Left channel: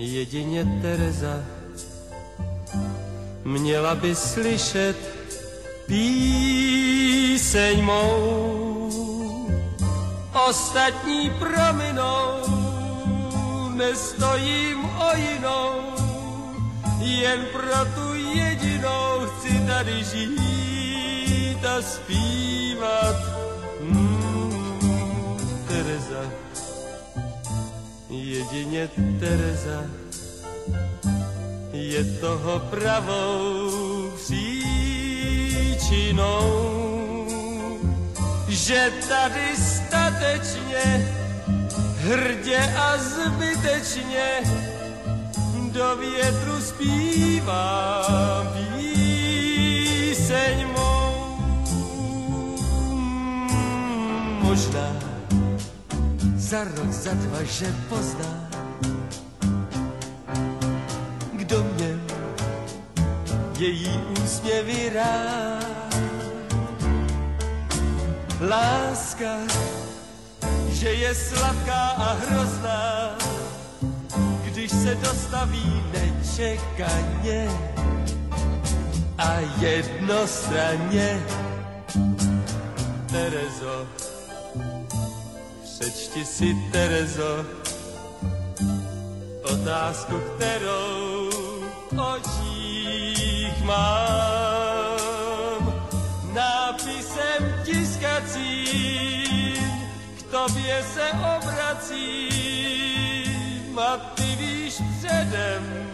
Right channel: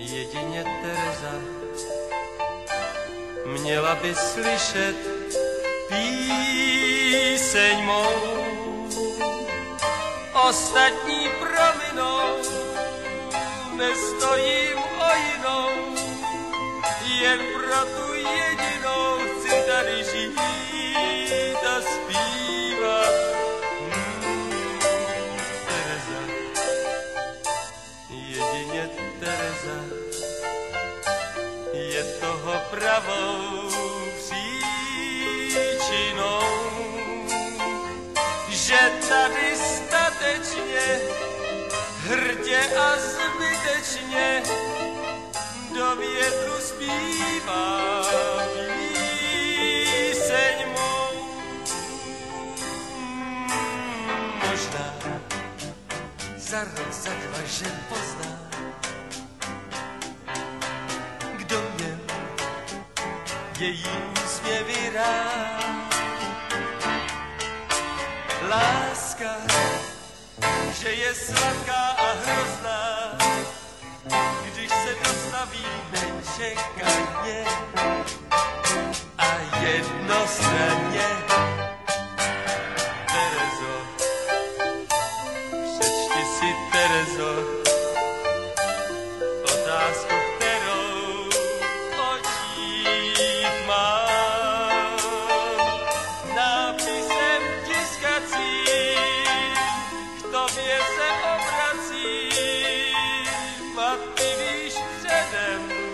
Jedině Tereza měla by slyšet píseň mou. Ostatní prominou, nestojím o jinou, jen pro tu jedinou chci tady žít a zpívat. Tereza, jedině Tereza je toho pravou příčinou, že tady statečně, hrdě a zbytečně do větru zpívá píseň mou. Možná za rok, za dva, že pozná, kdo měl její úsměvy rád. Láska, že je sladká a hrozná, když se dostaví nečekaně a jednostranně. Terezo, přečti si, Terezo, otázku, kterou v očích mám. Nápisem tiskacím k tobě se obracím a ty víš předem,